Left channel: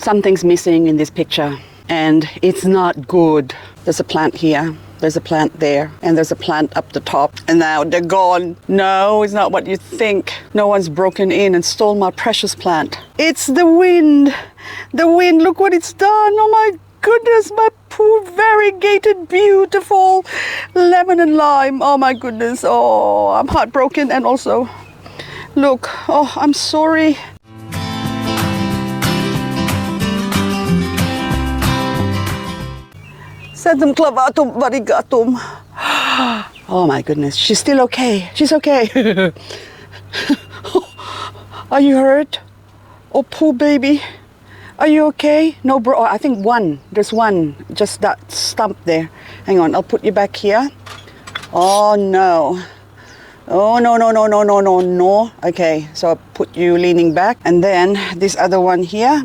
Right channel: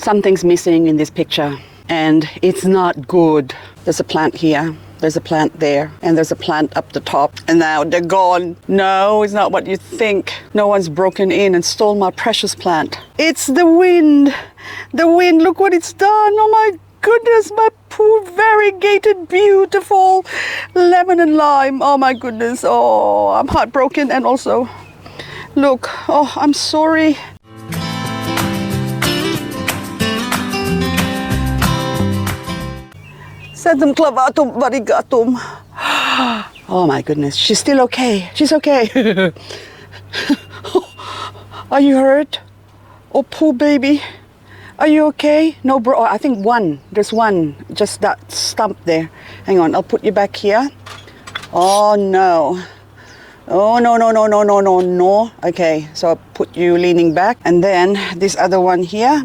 Something's missing in this picture, and it's not good. There's a plant here, there's a plant there, and there's a plant up the top, and now they're gone. No, it's not what you think. No one's broken in and stole my precious plant. It's the wind. The wind, look what it's done. Oh my goodness, my poor variegated, beautiful lemon and lime. Oh my goodness. Oh, I'm heartbroken. And also, look, oh, I'm sorry. Sedum Clavatum Variegated. Oh my goodness, she's still okay. She's okay. Are you hurt? Oh, poor baby. Are you okay? No, bro. I think one. There's one. Just that stump there. Hang on. I'll put you back here. Oh, no. Oh, no, no, no, no, no, no, no. Okay. So I'll put you leaning back. And then this other one here.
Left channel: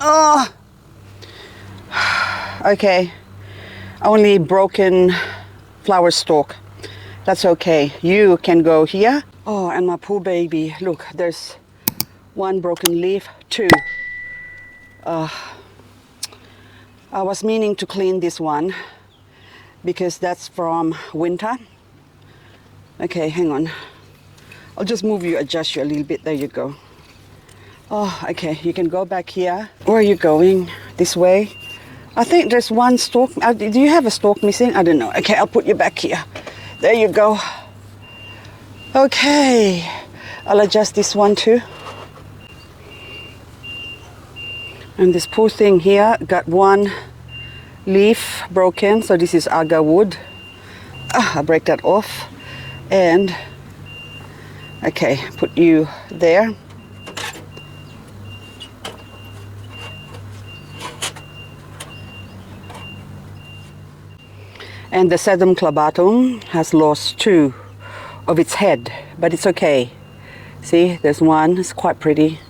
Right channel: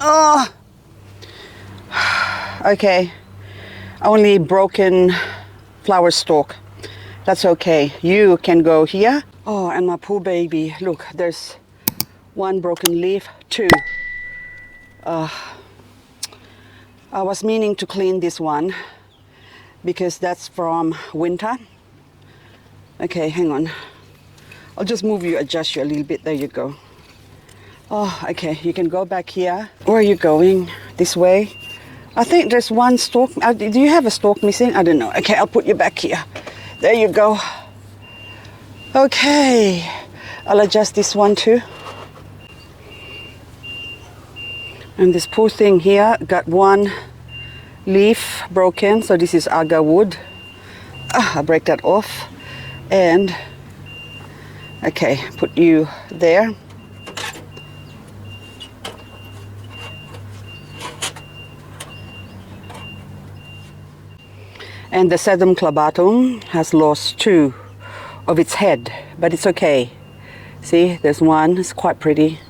Oh. Okay. Only broken flower stalk. That's okay. You can go here. Oh, and my poor baby. Look, there's one broken leaf, two. I was meaning to clean this one because that's from winter. Okay, hang on. I'll just move you, adjust you a little bit. There you go. Oh, okay, you can go back here. Where are you going? This way? I think there's one stalk. Do you have a stalk missing? I don't know. Okay, I'll put you back here. There you go. Okay, I'll adjust this one too. And this poor thing here got one leaf broken, so this is agar wood. I'll break that off. And, okay, put you there. And the Sedum Clavatum has lost two of its head, but it's okay. See, there's one, it's quite pretty.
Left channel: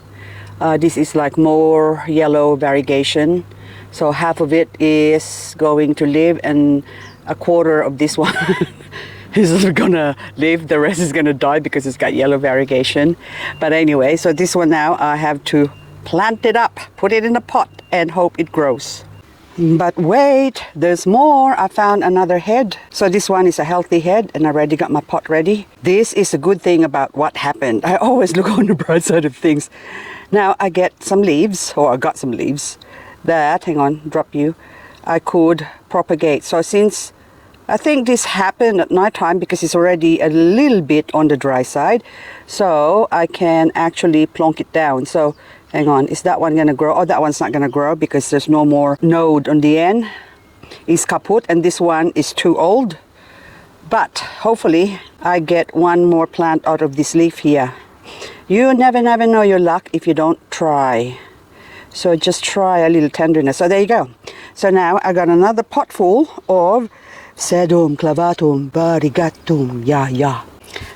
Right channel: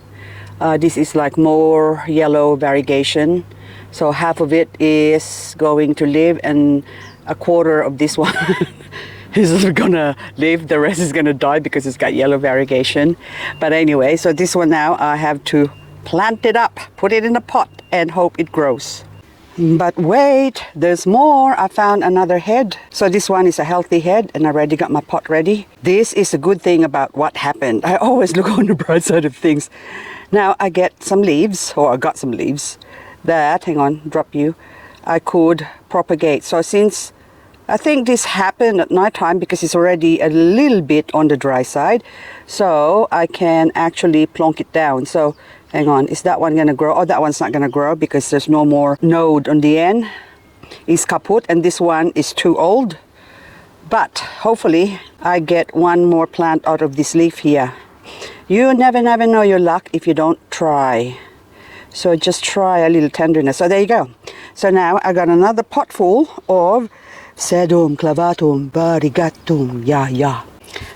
This is like more yellow variegation. So half of it is going to live and a quarter of this one is gonna live. The rest is gonna die because it's got yellow variegation. But anyway, so this one now I have to plant it up, put it in a pot and hope it grows. But wait, there's more. I found another head. So this one is a healthy head and I already got my pot ready. This is a good thing about what happened. I always look on the bright side of things. Now I get some leaves, or I got some leaves that, hang on, drop you, I could propagate. So since I think this happened at night time because it's already a little bit on the dry side, so I can actually plonk it down. So hang on, is that one gonna grow? Oh, that one's not gonna grow because there's no more node on the end. It's kaput, and this one is too old. But hopefully I get one more plant out of this leaf here. You never know your luck if you don't try. So just try a little tenderness. So there you go. So now I got another pot full of Sedum Clavatum Variegated. Yeah.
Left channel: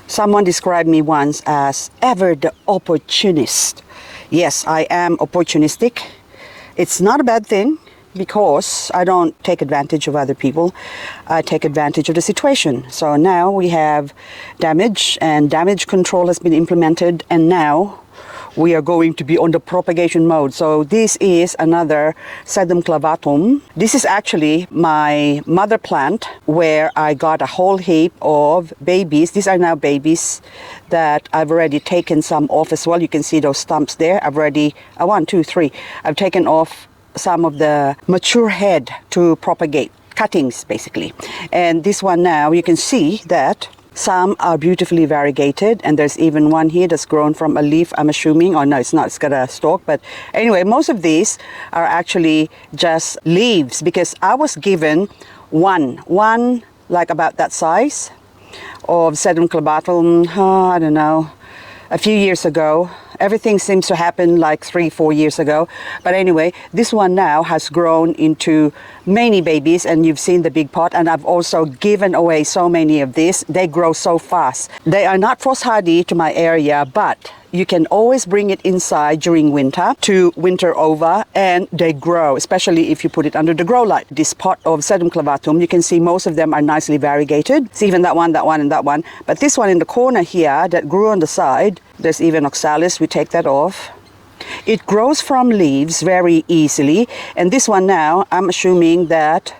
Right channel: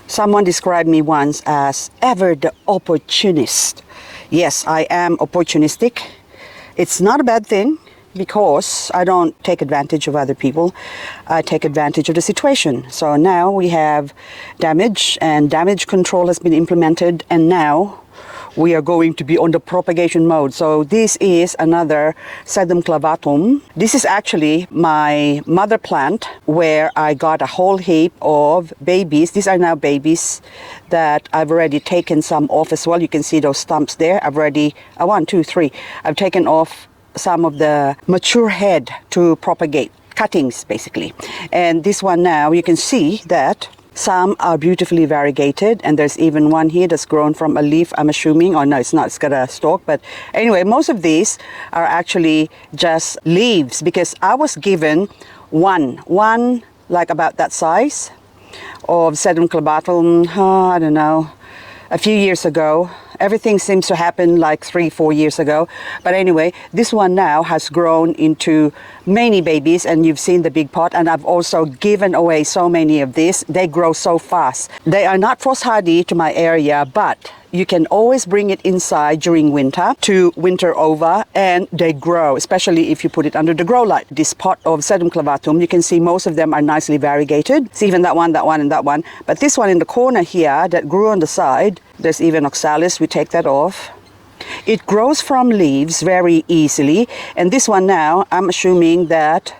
Someone described me once as ever the opportunist. Yes, I am opportunistic. It's not a bad thing because I don't take advantage of other people. I take advantage of the situation. So now we have damage, and damage control has been implemented, and now we are going to be on the propagation mode. So this is another Sedum Clavatum. This is actually my mother plant where I got a whole heap of babies. These are now babies that I've already taken some off as well. You can see those stumps there. I've already, 1, 2, 3. I've taken off some of the mature head to propagate, cuttings basically. And this one now, you can see that some are beautifully variegated, and there's even one here that's grown from a leaf, I'm assuming. Oh no, it's not, it's got a stalk. But anyway, most of these are actually just leaves because I was given one like about that size of Sedum Clavatum, I don't know, a few years ago. Everything seems to happen like 3-4 years ago. But anyway, this one now has grown into many babies, and you've seen the big pot, and I've also given away so many of these. They grow so fast. They are not frost hardy to my area, but you can always bring it inside during winter to winter over, and they grow, especially if you put it under the grow light. This pot of Sedum Clavatum, you can see most of them are nicely variegated. It's even that one, and that one. But this one in the corner here that grew on the side, there's even oxalis. We take that off. It grows from leaves very easily. And this one now, I'm assuming that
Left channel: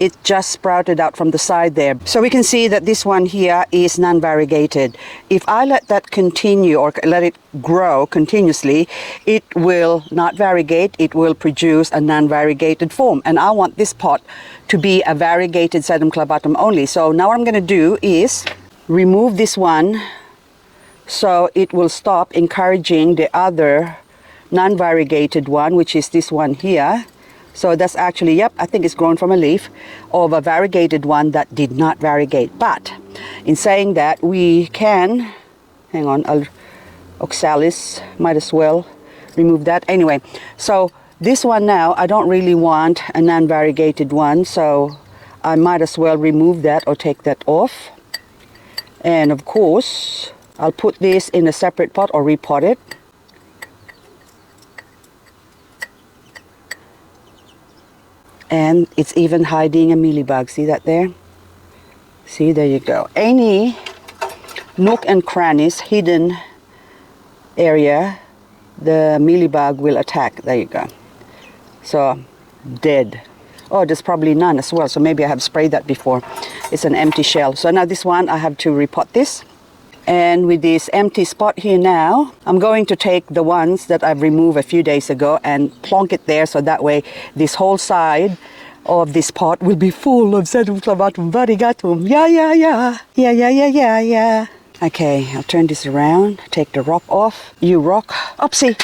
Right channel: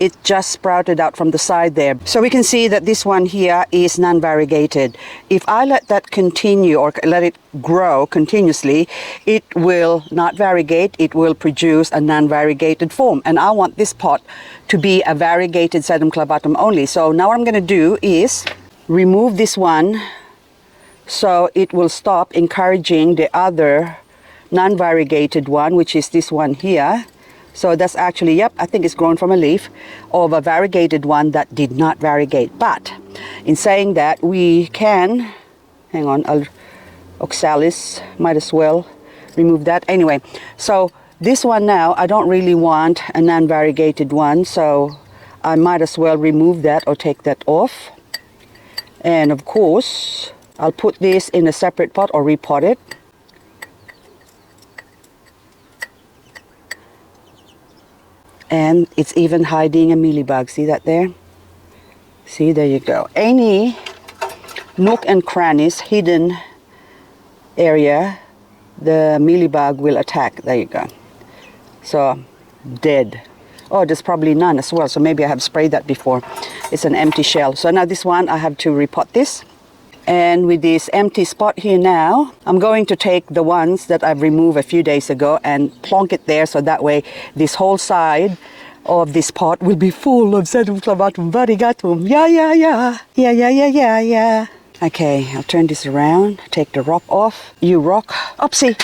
it just sprouted out from the side there. So we can see that this one here is non-variegated. If I let that continue or let it grow continuously, it will not variegate. It will produce a non-variegated form. And I want this pot to be a variegated Sedum Clavatum only. So now what I'm going to do is remove this one so it will stop encouraging the other non-variegated one, which is this one here. So that's actually, yep, I think it's grown from a leaf of a variegated one that did not variegate. But in saying that, we can, hang on, oxalis, might as well remove that. Anyway, so this one now, I don't really want a non-variegated one, so I might as well remove that or take that off. And of course, I'll put this in a separate pot or repot it. And it's even hiding a mealybug. See that there? See, there you go. Any nook and crannies, hidden area, the mealybug will attack. There you go. So, dead. Oh, there's probably none as well. So maybe I have sprayed that before. It's an empty shell. So now this one, I have to repot this. And with this empty spot here now, I'm going to take the ones that I've removed a few days ago and plonk it there, so that way this whole side of this pot will be full of Sedum Clavatum Variegated. Yeah. Okay, I'll turn this around, take the rock off. You rock. Oopsie.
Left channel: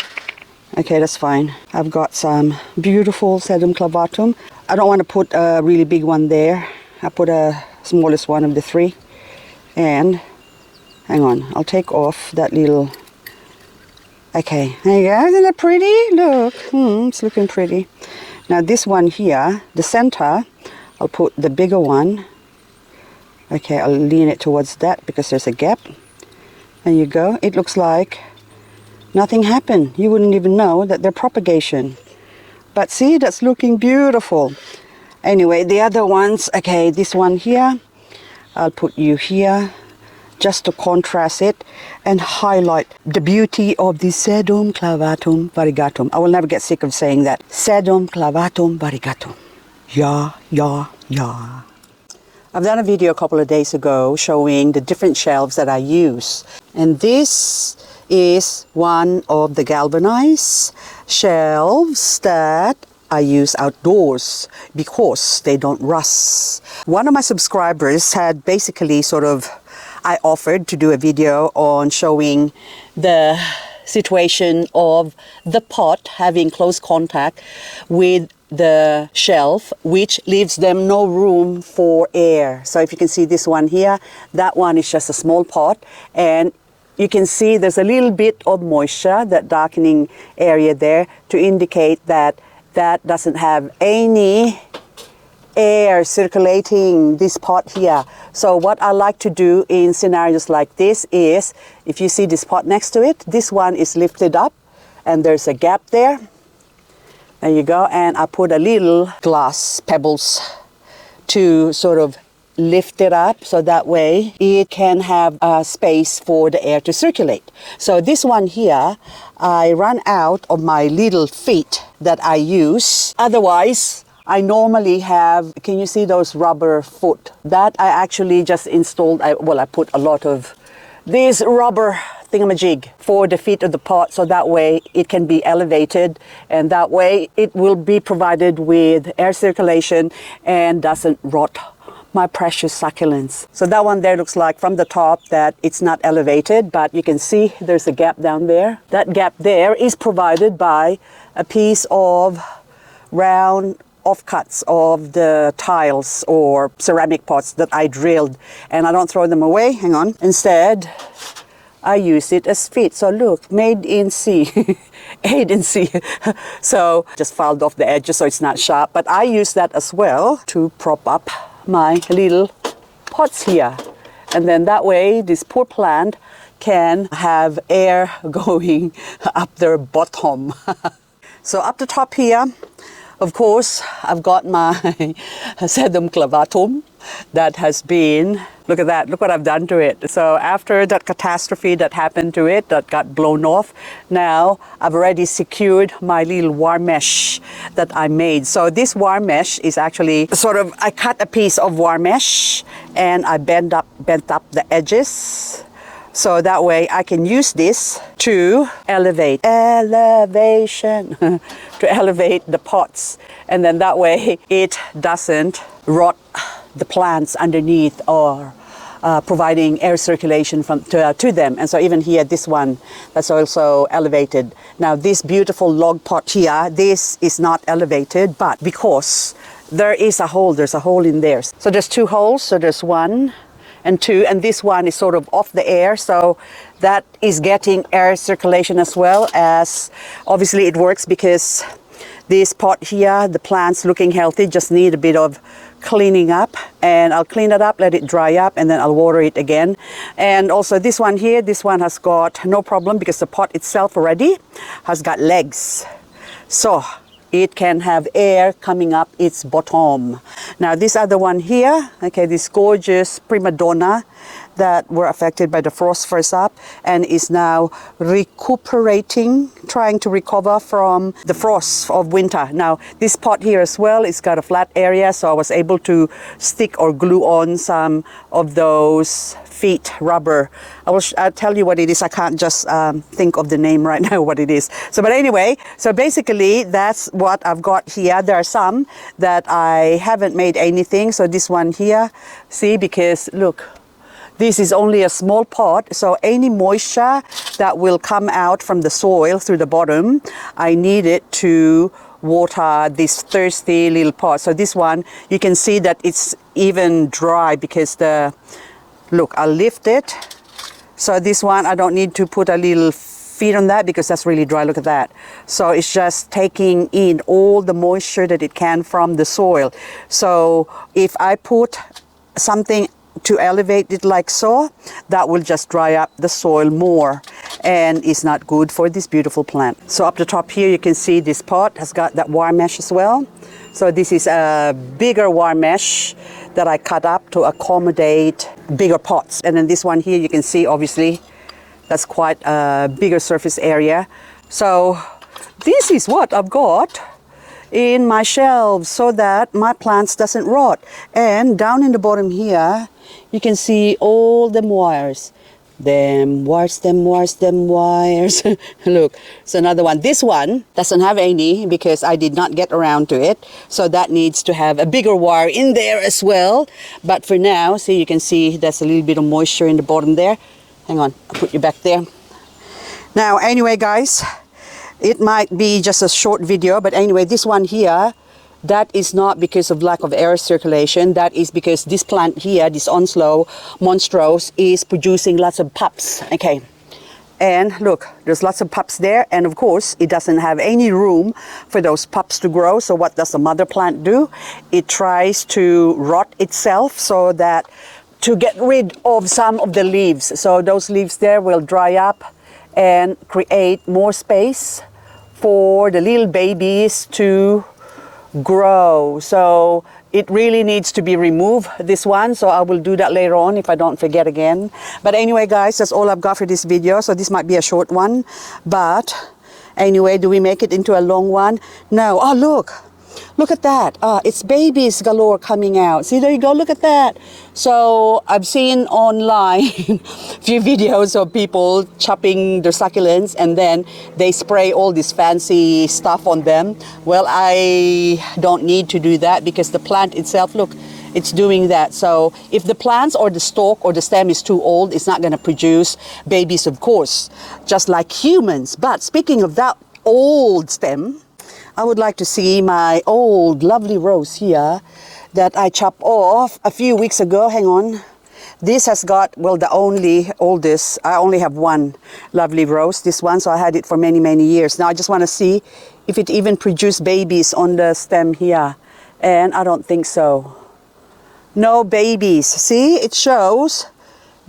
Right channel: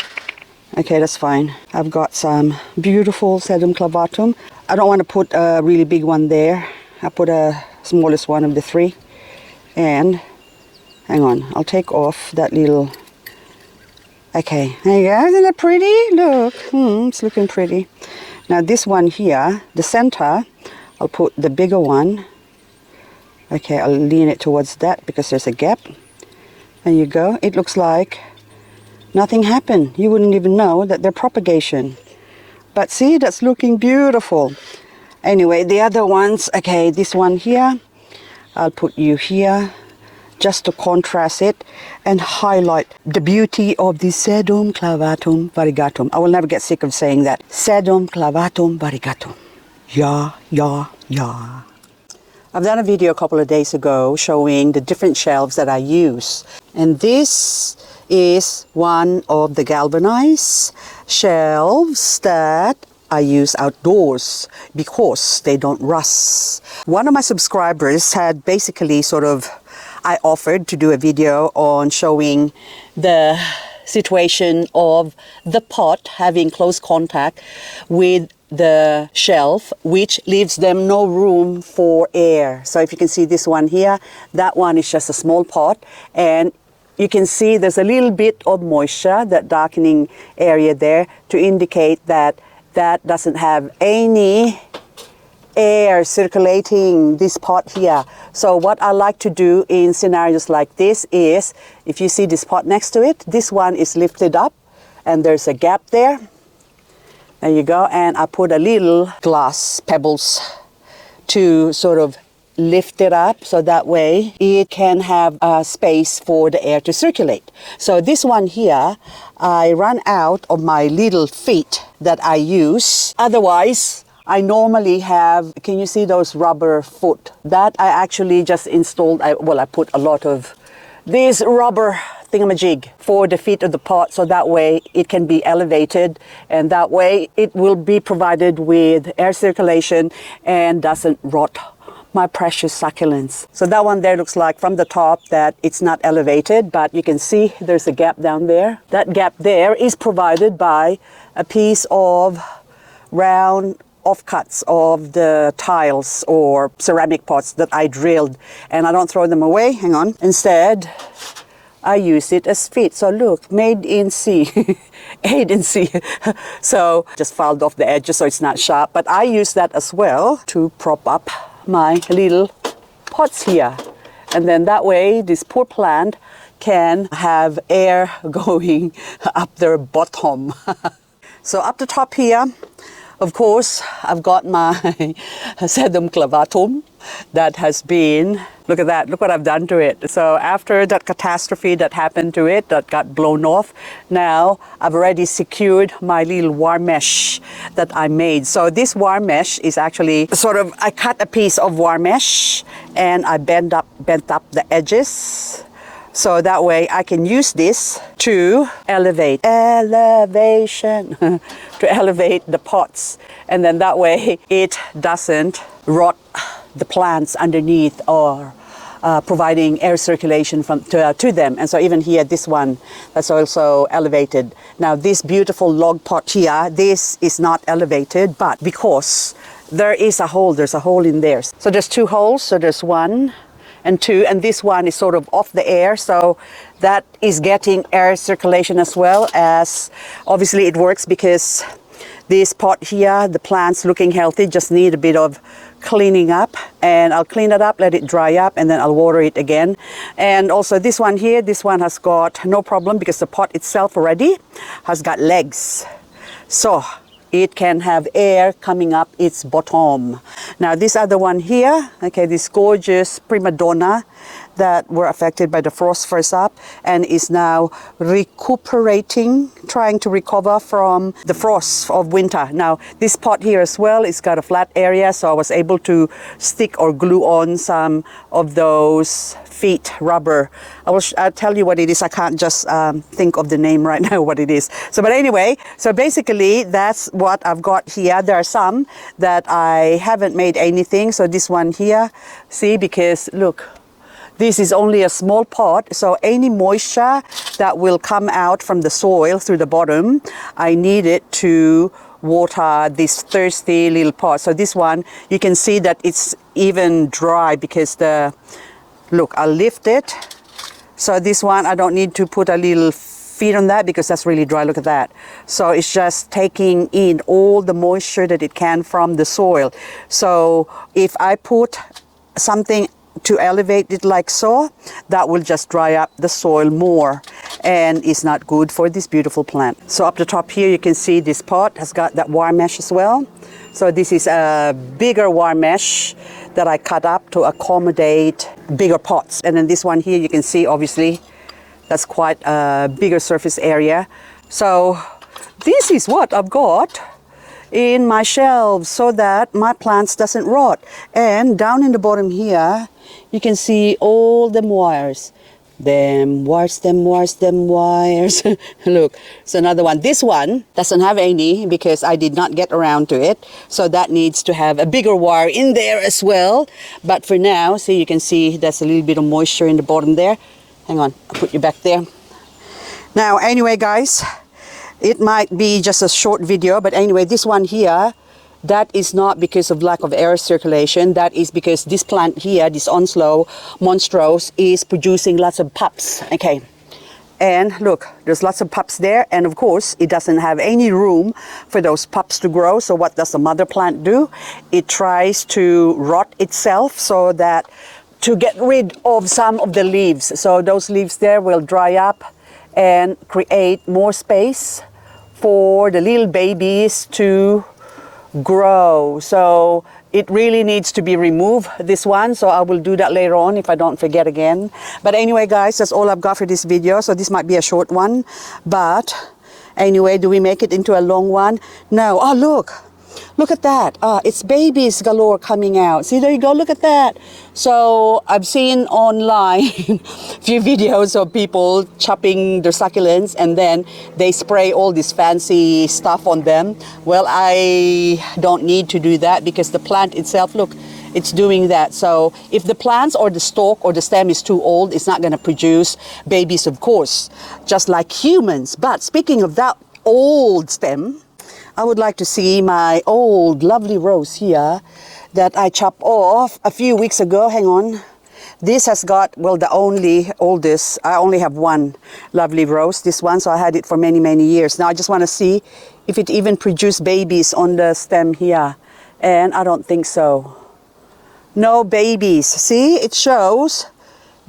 Okay, that's fine. I've got some beautiful Sedum Clavatum. I don't want to put a really big one there. I put a smallest one of the three. And hang on, I'll take off that little... Okay, there you go. Isn't that pretty? Look, it's looking pretty. Now this one here, the center, I'll put the bigger one. Okay, I'll lean it towards that because there's a gap. There you go. It looks like nothing happened. You wouldn't even know that they're propagation. But see, that's looking beautiful. Anyway, the other ones, okay, this one here, I'll put you here, just to contrast it and highlight the beauty of the Sedum Clavatum Variegated. I will never get sick of saying that. Sedum Clavatum Variegated. Yeah. I've done a video a couple of days ago showing the different shelves that I use. And this is one of the galvanized shelves that I use outdoors because they don't rust. One of my subscribers had basically I offered to do a video on showing the situation of the pot having close contact with the shelf, which leaves them no room for air. So if you can see this one here, that one is just a small pot, and you can see there's a little bit of moisture, that darkening area there, to indicate that that doesn't have any air circulating this pot here. So what I like to do in scenarios like this is, if you see this pot next to it, this one is lifted up and there's a gap there. There you go. And I put a little glass pebbles to sort of lift it up, so that way it can have a space for the air to circulate. So this one here, I ran out of my little feet that I use. Otherwise, I normally have, can you see those rubber foot? That I actually just installed, I put a lot of this rubber thingamajig for the feet of the pot, so that way it can be elevated, and that way it will be provided with air circulation and doesn't rot my precious succulents. So that one there looks like from the top that it's not elevated, but you can see there's a gap down there. That gap there is provided by a piece of round offcuts of the tiles or ceramic pots that I drilled, and I don't throw them away. Hang on. Instead, I use it as feet. So look, made in sea. Made in sea. So just filed off the edges so it's not sharp. But I use that as well to prop up my little pots here. And then that way, this poor plant can have air going up their bottom. So up the top here, of course, I've got my Sedum Clavatum. that has been, look at that, look what I've done to it. So after that catastrophe that happened to it, that got blown off, now I've already secured my little wire mesh that I made. So this wire mesh is actually sort of, I cut a piece of wire mesh and I bent up the edges. So that way I can use this to elevate, elevation, to elevate the pots. And then that way it doesn't rot the plants underneath or providing air circulation to them. And so even here, this one that's also elevated. Now this beautiful log pot here, this is not elevated, but because there's a hole in there. So there's two holes, so there's one and two, and this one is sort of off the air, so that is getting air circulation as well. As obviously it works because this pot here, the plants looking healthy, just need a bit of cleaning up, and I'll clean it up, let it dry up, and then I'll water it again. And also this one here, this one has got no problem because the pot itself already has got legs, so it can have air coming up its bottom. Now this other one here, okay, this gorgeous prima donna that were affected by the frost first up and is now recuperating, trying to recover from the frost of winter. Now this pot here as well, it's got a flat area, so I was able to stick or glue on some of those feet rubber. I'll tell you what it is. I can't just think of the name right now what it is. So but anyway, so basically that's what I've got here. There are some that I haven't made anything. So this one here, see, because look, this is only a small pot, so any moisture that will come out from the soil through the bottom, I need it to water this thirsty little pot. So this one, you can see that it's even dry because look, I'll lift it. So this one, I don't need to put a little feed on that because that's really dry. Look at that. So it's just taking in all the moisture that it can from the soil. So if I put something to elevate it like so, that will just dry up the soil more and it's not good for this beautiful plant. So up the top here, you can see this pot has got that wire mesh as well. So this is a bigger wire mesh that I cut up to accommodate bigger pots. And then this one here, you can see obviously that's quite a bigger surface area. So this is what I've got in my shelves so that my plants doesn't rot. And down in the bottom here, you can see all them wires. Them wires. Look, so another one. This one doesn't have any because I did not get around to it. So that needs to have a bigger wire in there as well. But for now, so you can see there's a little bit of moisture in the bottom there. Hang on, I'll put you back there. Now, anyway, guys, it might be just a short video, but anyway, this one here, that is not because of lack of air circulation. That is because this plant here, this Onslow Monstrose, is producing lots of pups. Okay, and look, there's lots of pups there, and of course, it doesn't have any room for those pups to grow. So what does the mother plant do? It tries to rot itself so that to get rid of some of the leaves. So those leaves there will dry up and create more space for the little babies to grow. So it really needs to be removed, this one. So I will do that later on if I don't forget again. But anyway, guys, that's all I've got for this video. So this might be a short one. But anyway, do we make it into a long one? No. Oh, look. Look at that. It's babies galore coming out. See, there you go. Look at that. So I've seen online a few videos of people chopping their succulents and then they spray all this fancy stuff on them. Well, I don't need to do that because the plant itself, look, it's doing that. So if the plants or the stalk or the stem is too old, it's not going to produce babies, of course, just like humans. But speaking of that old stem, I would like to see my old lovely rose here that I chopped off a few weeks ago. Hang on. This has got, well, the oldest, I only have one lovely rose, this one, so I had it for many, many years. Now I just want to see if it even produced babies on the stem here. And I don't think so. No babies. See, it shows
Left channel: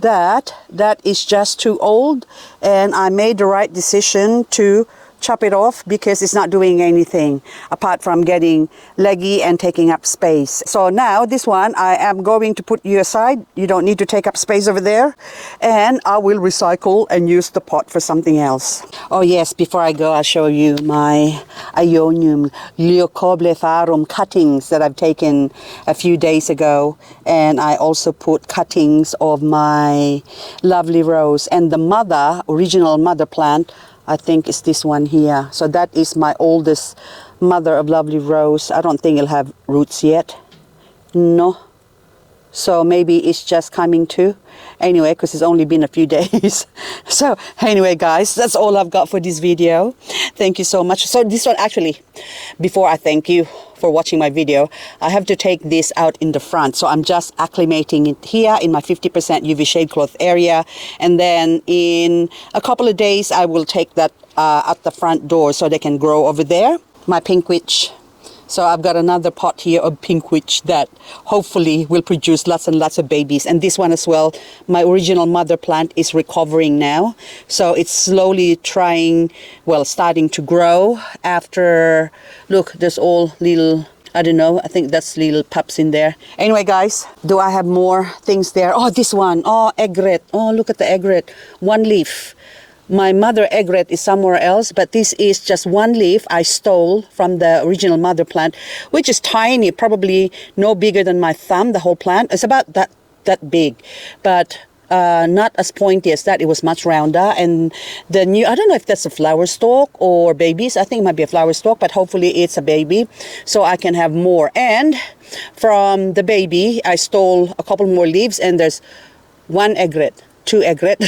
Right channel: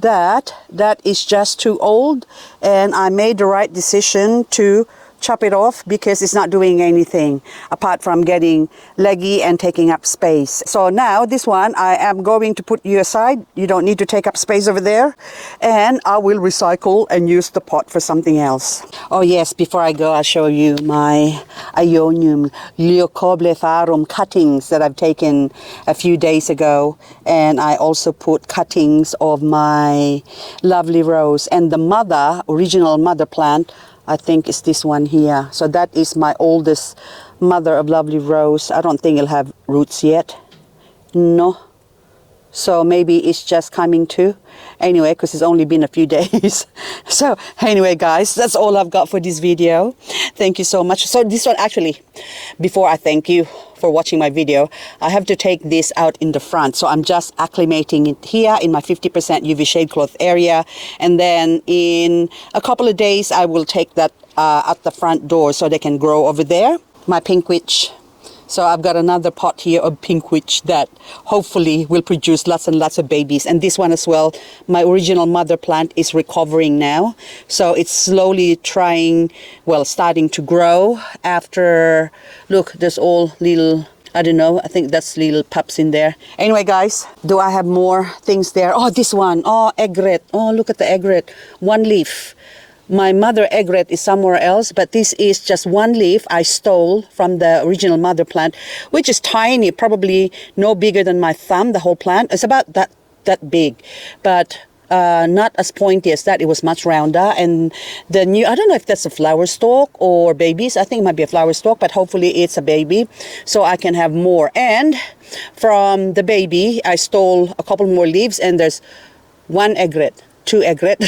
that that is just too old. And I made the right decision to chop it off because it's not doing anything apart from getting leggy and taking up space. So now this one I am going to put you aside. You don't need to take up space over there, and I will recycle and use the pot for something else. Oh yes, before I go, I'll show you my Ionium Leucoblepharum cuttings that I've taken a few days ago, and I also put cuttings of my lovely rose, and the original mother plant, I think is this one here. So that is my oldest mother of lovely rose. I don't think it'll have roots yet. No. So maybe it's just coming to. Anyway, because it's only been a few days. So anyway, guys, that's all I've got for this video. Thank you so much. So this one, actually, before I thank you for watching my video, I have to take this out in the front. So I'm just acclimating it here in my 50% UV shade cloth area. And then in a couple of days, I will take that at the front door so they can grow over there. My pink witch. So I've got another pot here of pink witch that hopefully will produce lots and lots of babies. And this one as well, my original mother plant is recovering now. So it's slowly starting to grow after, look, there's all little, I don't know, I think that's little pups in there. Anyway, guys, do I have more things there? Oh, this one, oh, egret. Oh, look at the egret, one leaf. My mother egret is somewhere else, but this is just one leaf I stole from the original mother plant, which is tiny, probably no bigger than my thumb, the whole plant. It's about that big, but not as pointy as that. It was much rounder. And the new, I don't know if that's a flower stalk or babies. I think it might be a flower stalk, but hopefully it's a baby, so I can have more. And from the baby, I stole a couple more leaves, and there's one egret. Two egret.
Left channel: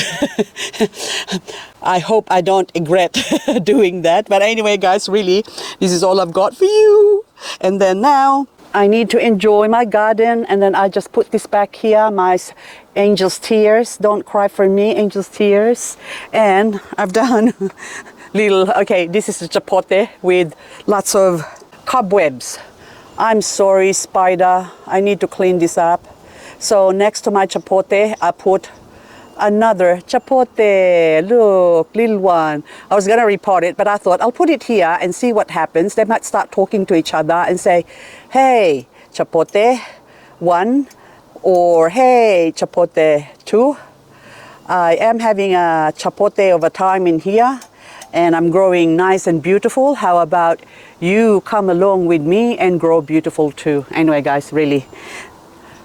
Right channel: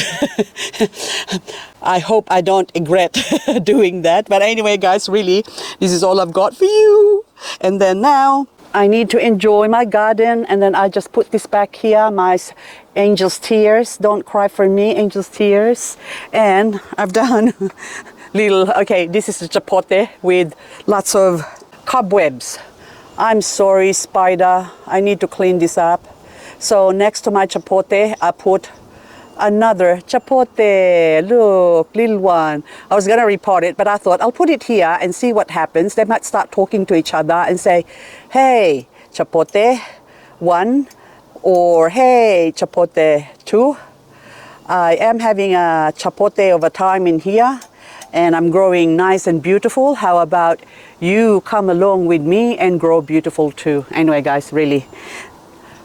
I hope I don't regret doing that. But anyway, guys, really, this is all I've got for you. And then now I need to enjoy my garden. And then I just put this back here, my angel's tears. Don't cry for me, angel's tears. And I've done okay, this is a chapote with lots of cobwebs. I'm sorry, spider. I need to clean this up. So next to my chapote, I put another chapote. Look, little one. I was gonna repot it, but I thought I'll put it here and see what happens. They might start talking to each other and say, hey, chapote 1, or hey, chapote 2. I am having a chapote over time in here, and I'm growing nice and beautiful. How about you come along with me and grow beautiful too? Anyway, guys, really,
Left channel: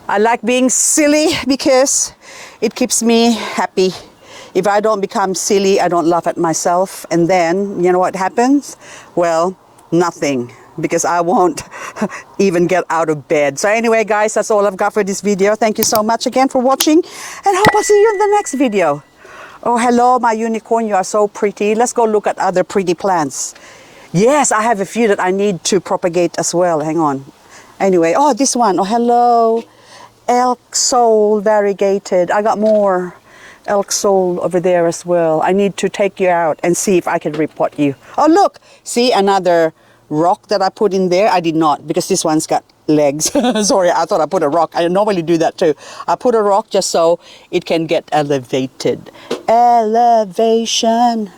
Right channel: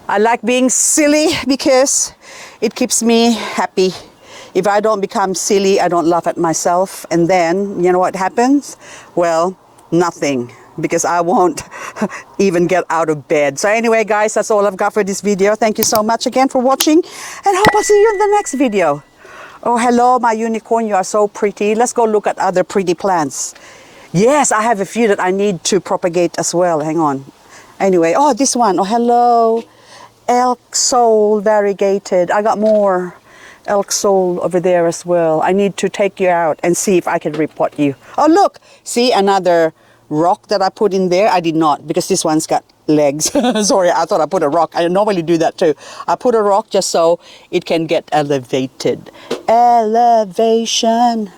I like being silly because it keeps me happy. If I don't become silly, I don't laugh at myself. And then, you know what happens? Well, nothing, because I won't even get out of bed. So anyway, guys, that's all I've got for this video. Thank you so much again for watching, and hope I'll see you in the next video. Oh, hello, my unicorn. You are so pretty. Let's go look at other pretty plants. Yes, I have a few that I need to propagate as well. Hang on. Anyway, oh, this one. Oh, hello. Elk soul variegated. I got more elk soul over there as well. I need to take you out and see if I can repot you. Oh, look. See, another rock that I put in there. I did not, because this one's got legs. Sorry, I thought I put a rock. I normally do that too. I put a rock just so it can get elevated. Elevation.